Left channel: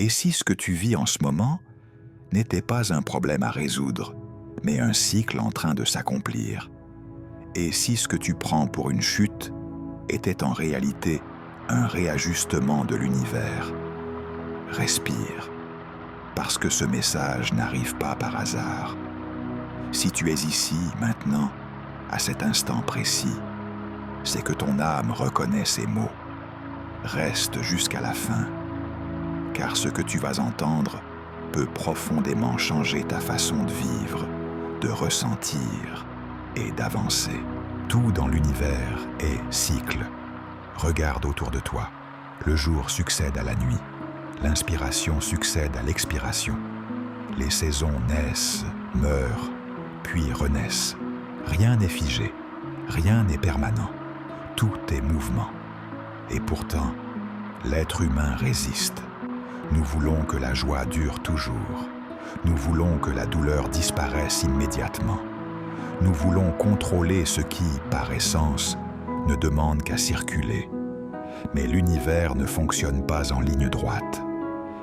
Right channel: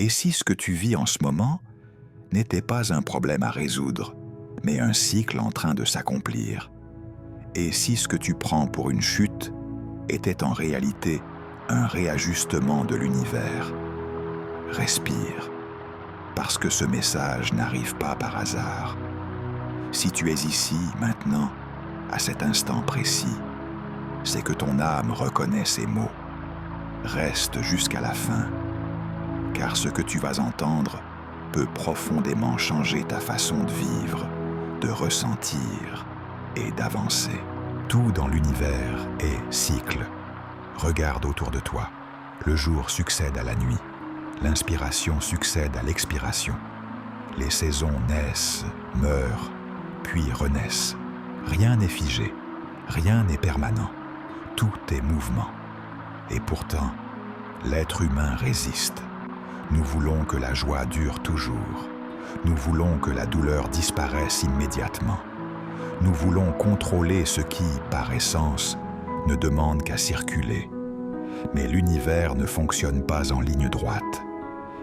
Et si ce que tu vis en ce moment n'était pas un problème à résoudre, mais un cycle en train de s'accomplir? Et si ce que tu prends pour une chute était en réalité un réajustement de l'univers? Respire, parce que ce message n'arrive pas par hasard. Si tu es ici, maintenant, à cet instant précis, c'est que ton âme reconnaît ces mots. Reste jusqu'à la fin, car ce que tu vas entendre peut profondément changer ta façon de vivre, de ressentir et d'avancer. Tout dans l'univers est cycle. Regarde autour de toi. Le jour succède à la nuit. L'inspiration succède à l'expiration. Les saisons naissent, meurent, puis renaissent. Rien n'est figé, rien n'est permanent. Tout est mouvement. Et pourtant, l'être humain résiste. Nous voulons que la joie dure toujours. Nous voulons que la douleur disparaisse immédiatement. Nous voulons contrôler ce qui, par essence, ne demande qu'à circuler. Mais l'univers ne fonctionne pas en ligne droite.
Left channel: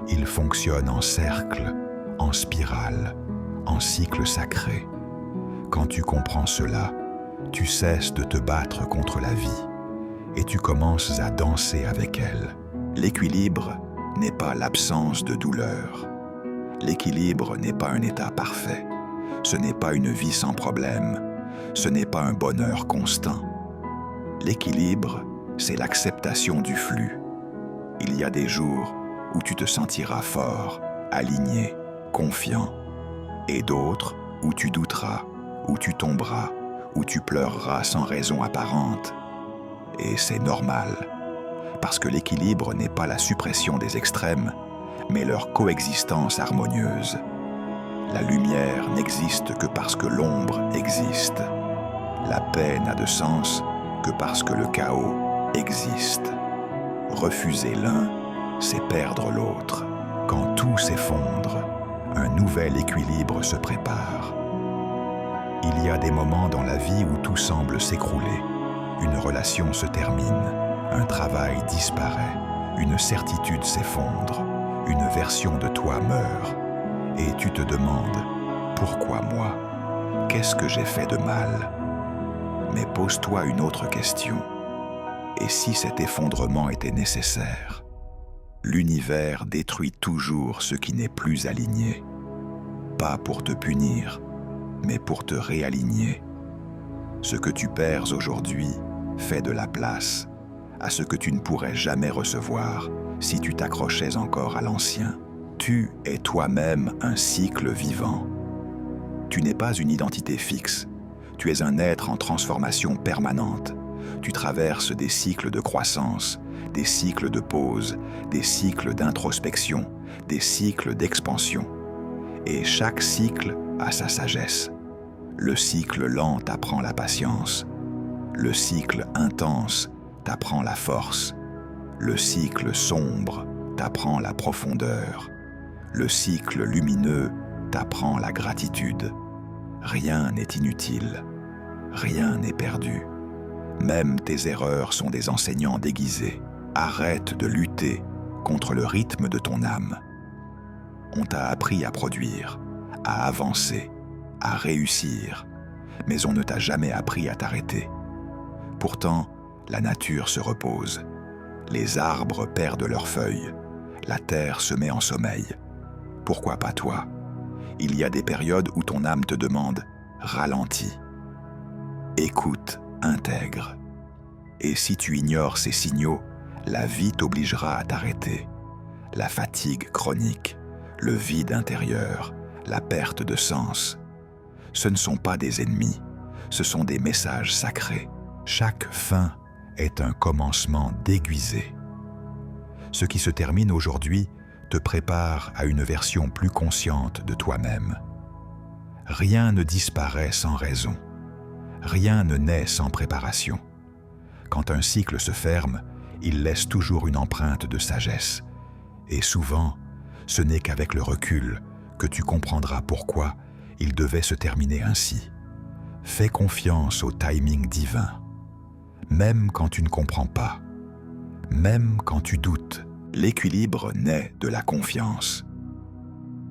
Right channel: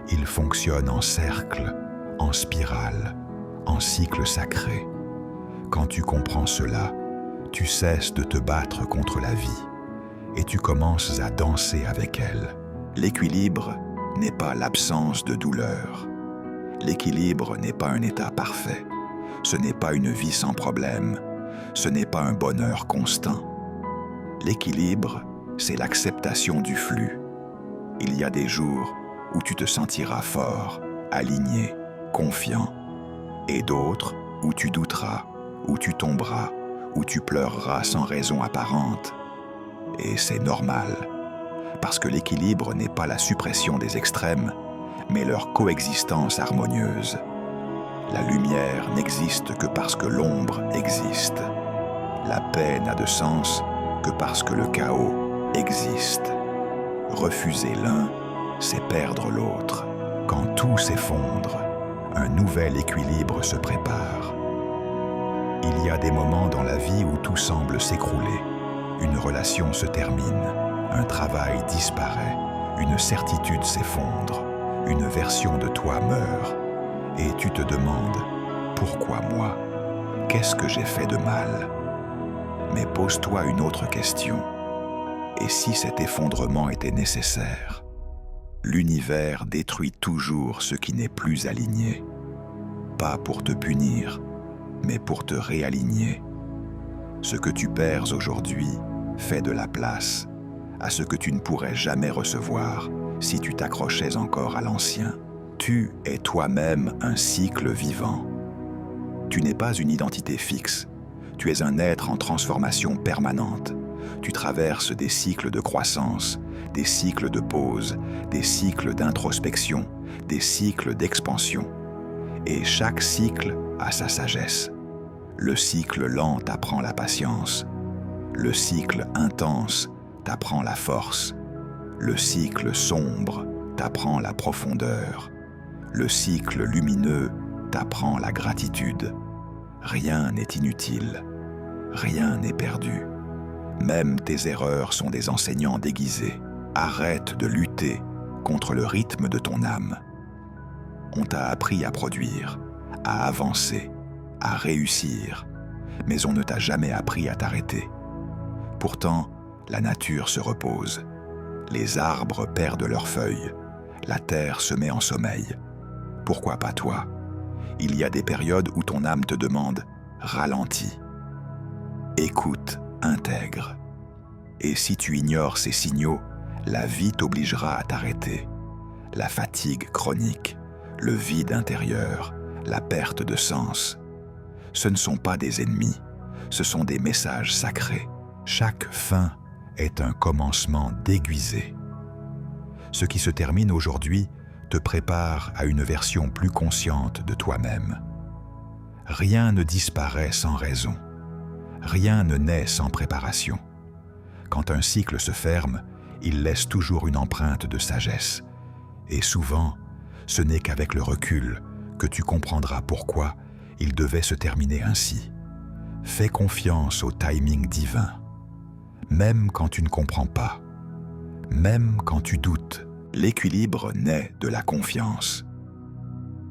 Il fonctionne en cercle, en spirale, en cycle sacré. Quand tu comprends cela, tu cesses de te battre contre la vie et tu commences à danser avec elle. L'équilibre n'est pas l'absence de douleur. L'équilibre n'est pas un état parfait. Ce n'est pas une vie sans problème. Ce n'est pas un bonheur constant. L'équilibre, c'est l'acceptation du flux. Il y a des jours où tu te sentiras fort, aligné, confiant, et d'autres où tu douteras, où tu tomberas, où tu pleureras sans raison apparente. Et c'est normal, parce que l'équilibre n'est pas la suppression des extrêmes, mais leur coexistence harmonieuse. La lumière n'existe que parce que l'ombre existe. La paix n'a de sens que parce que le chaos existe. Refuser l'un, c'est perdre l'autre. Quand tout s'effondre, un nouvel équilibre se prépare. Il y a des moments dans la vie où tout semble s'écrouler. Une relation se termine, un travail disparaît, une certitude s'effondre, une version de toi meurt. Et tu te demandes, pourquoi moi? Qu'est-ce que j'ai fait de mal? Mais pose-toi une autre question. Et si cet effondrement était nécessaire? L'univers détruit toujours ce qui n'est plus aligné. Pas pour te punir, mais pour te réaligner. Ce que tu perds aujourd'hui fait de la place à ce que tu ne pourrais jamais recevoir si tu t'accrochais encore à l'ancien. Tu es toi-même un cycle vivant. Tu n'es pas une identité fixe. Tu es un être en transformation permanente. Tu traverses des cycles de croissance, des cycles de pause, des cycles d'introspection, des cycles d'expansion. Et chaque cycle a sa sagesse. Le cycle lent t'apprend la patience. Le cycle intense t'apprend la force. Le cycle sombre t'apprend la profondeur. Le cycle lumineux t'apprend la gratitude. Rien n'est inutile. Rien n'est perdu. Même tes erreurs sont des enseignants déguisés. Arrête de lutter contre le rythme de ton âme. On t'a appris à produire, à avancer, à réussir, mais on ne t'a jamais appris à t'arrêter. Pourtant, la nature se repose. Les arbres perdent leurs feuilles. La terre se met en sommeil. Pourquoi pas toi? Il y a des périodes où ton âme te demande « ralentis ». Écoute, intègre. Et si tu ignores ces signaux, la vie t'obligera à t'arrêter. La fatigue chronique, le vide intérieur, la perte de sens. Ce ne sont pas des ennemis, ce sont des messages sacrés. Chaque fin est un commencement déguisé. Ce qui se termine aujourd'hui te prépare à une version plus consciente de toi-même. Rien ne disparaît sans raison. Rien ne naît sans préparation. Quand un cycle se ferme, il laisse toujours une empreinte de sagesse. Et souvent, ce n'est qu'avec le recul que tu comprendras pourquoi il devait se terminer ainsi. Fais confiance au timing divin. Même quand tu ne comprends pas, même quand tu doutes, L'équilibre naît de la confiance.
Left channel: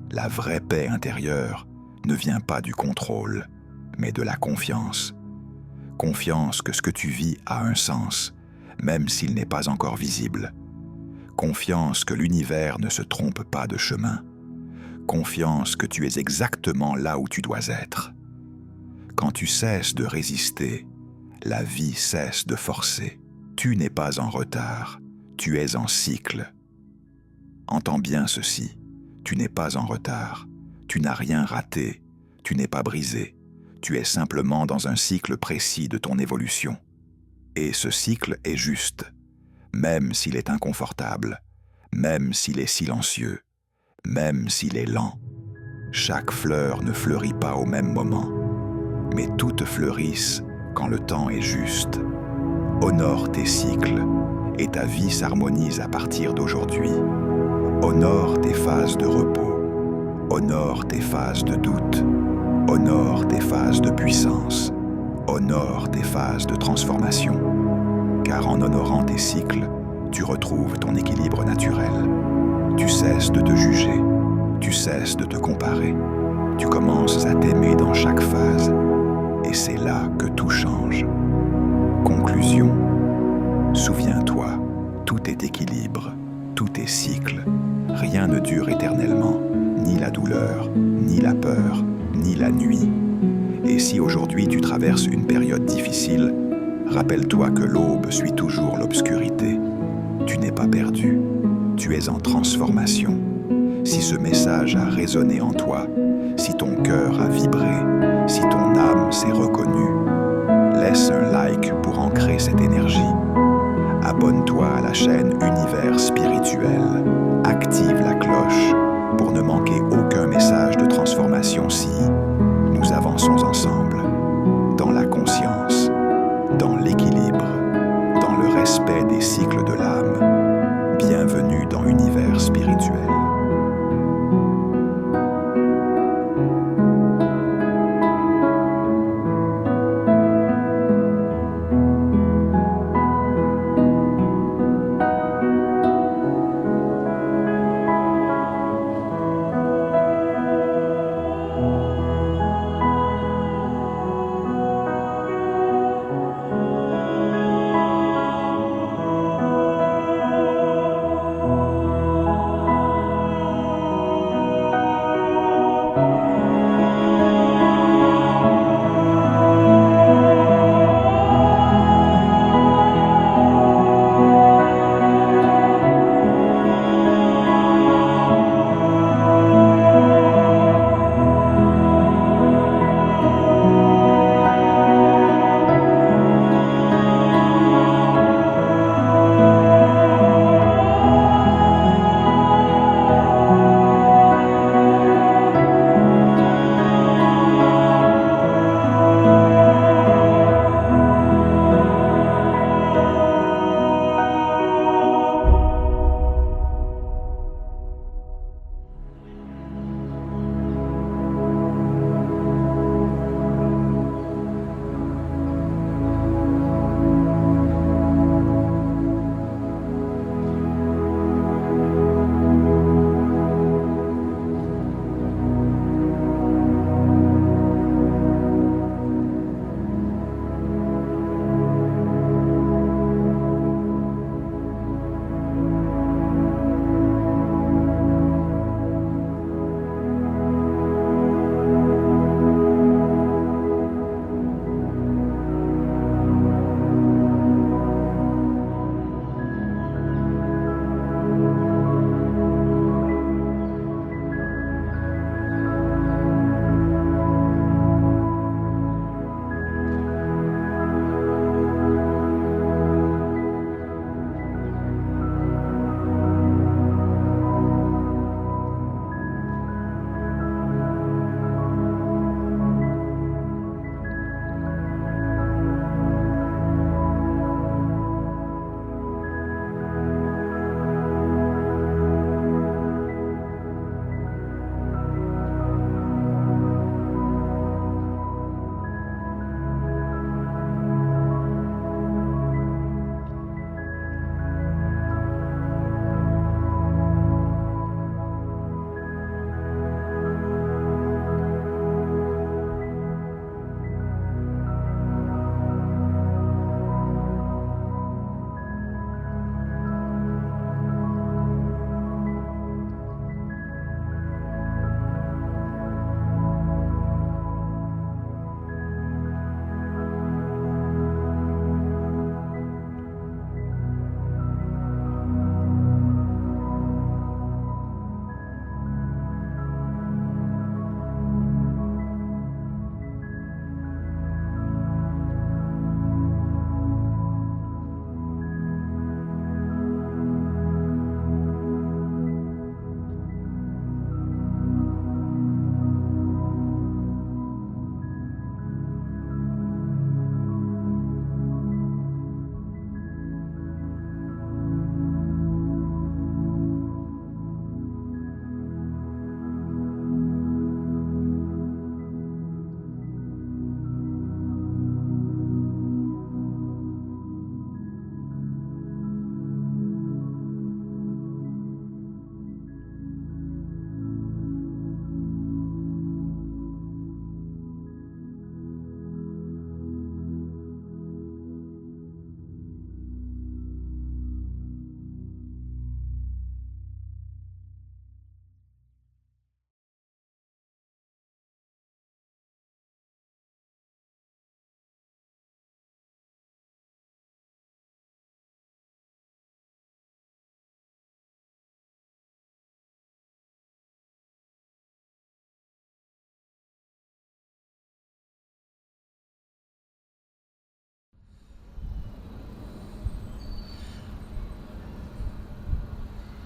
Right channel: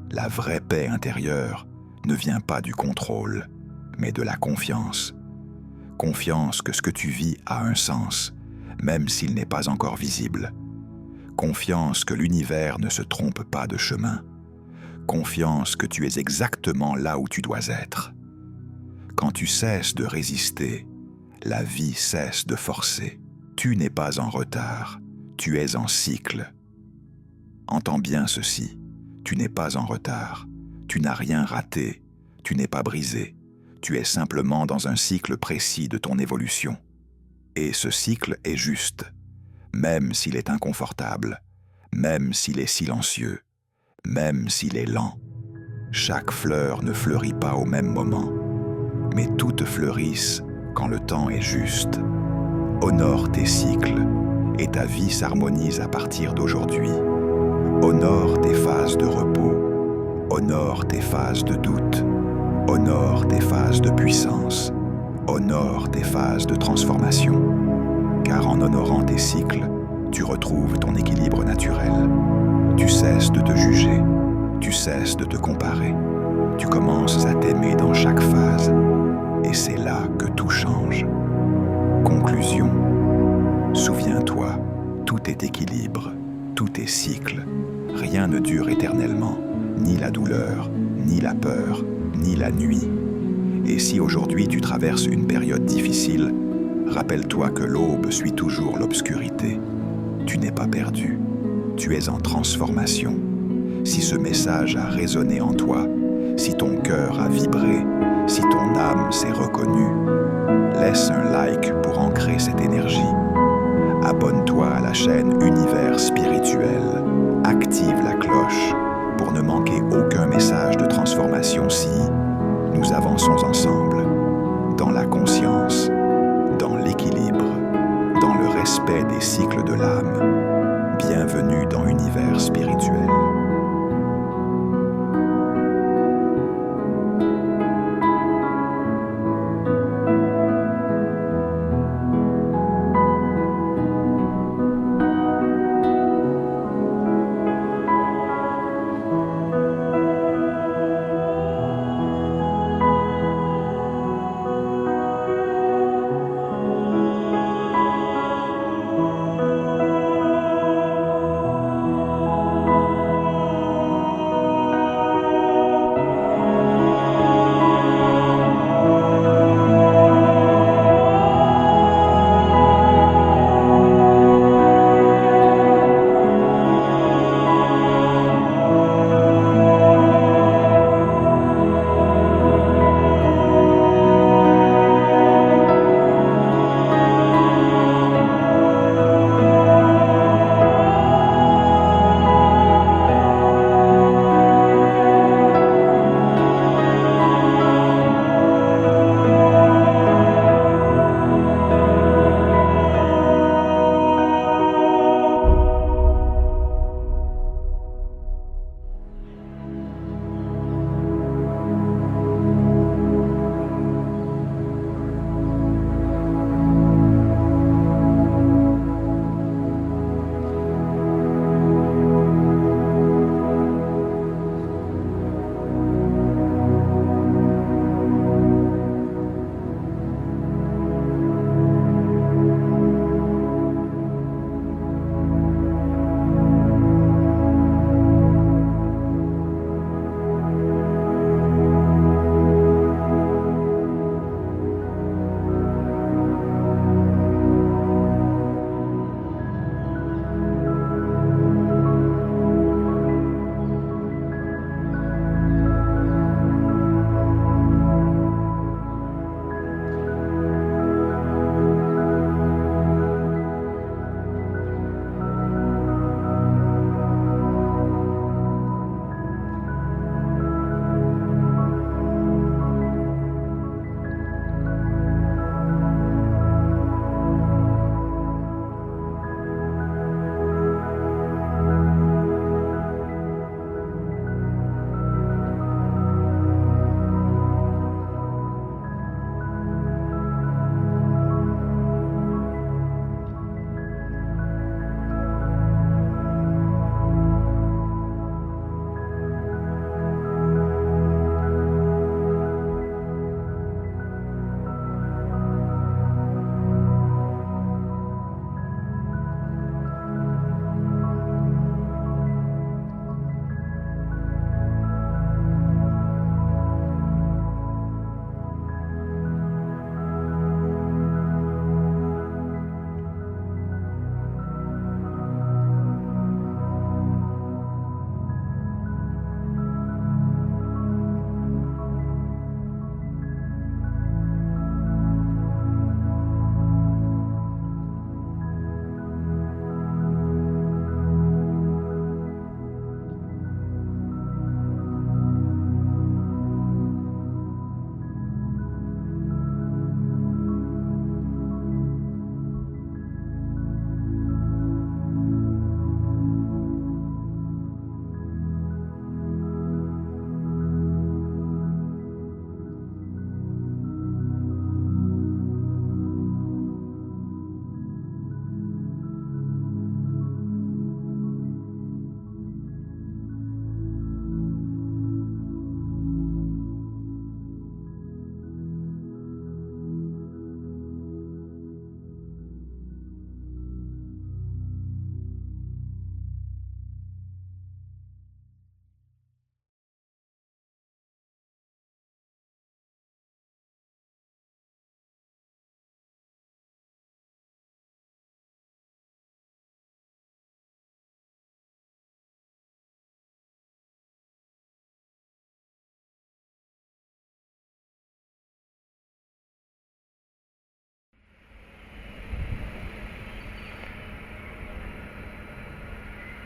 La vraie paix intérieure ne vient pas du contrôle, mais de la confiance. Confiance que ce que tu vis a un sens, même s'il n'est pas encore visible. Confiance que l'univers ne se trompe pas de chemin. Confiance que tu es exactement là où tu dois être. Quand tu cesses de résister, la vie cesse de forcer. Tu n'es pas en retard, tu es en cycle. Entends bien ceci, tu n'es pas en retard, tu n'as rien raté, tu n'es pas brisé, tu es simplement dans un cycle précis de ton évolution. Et ce cycle est juste, même s'il est inconfortable, même s'il est silencieux, même s'il est lent. Chaque fleur ne fleurit pas au même moment, mais toutes fleurissent quand le temps est juste. Honore tes cycles, et ta vie s'harmonise à partir d'aujourd'hui. Honore tes phases de repos, honore tes phases de doute, honore tes phases de puissance, honore tes phases de transformation. Car en honorant tes cycles, tu retrouves ton équilibre naturel. Tu cesses de te juger, tu cesses de te comparer, tu commences à t'aimer dans chaque phase, et c'est là que tout change. Conclusion. Souviens-toi, tout est équilibre, tout est cycle. Rien ne dure éternellement, ni la douleur, ni la peur, ni la nuit. Et si aujourd'hui tu traverses une période difficile, rappelle-toi que l'aube suit toujours l'obscurité. Tu n'es pas perdu, tu es en transformation. Si ce message a résonné en toi, si ton cœur a vibré, si ton âme s'est reconnue, laisse un like pour ancrer cette énergie. Abonne-toi à la chaîne Univers Spirituel. Active la cloche pour ne manquer aucun message de transformation si nous avançons ensemble, dans la conscience, dans l'équilibre, dans le respect des cycles de l'âme. Bienvenue dans Univers Spirituel.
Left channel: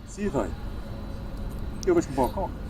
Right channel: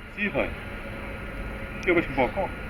Sicher. Ja, das ist ein Balkon.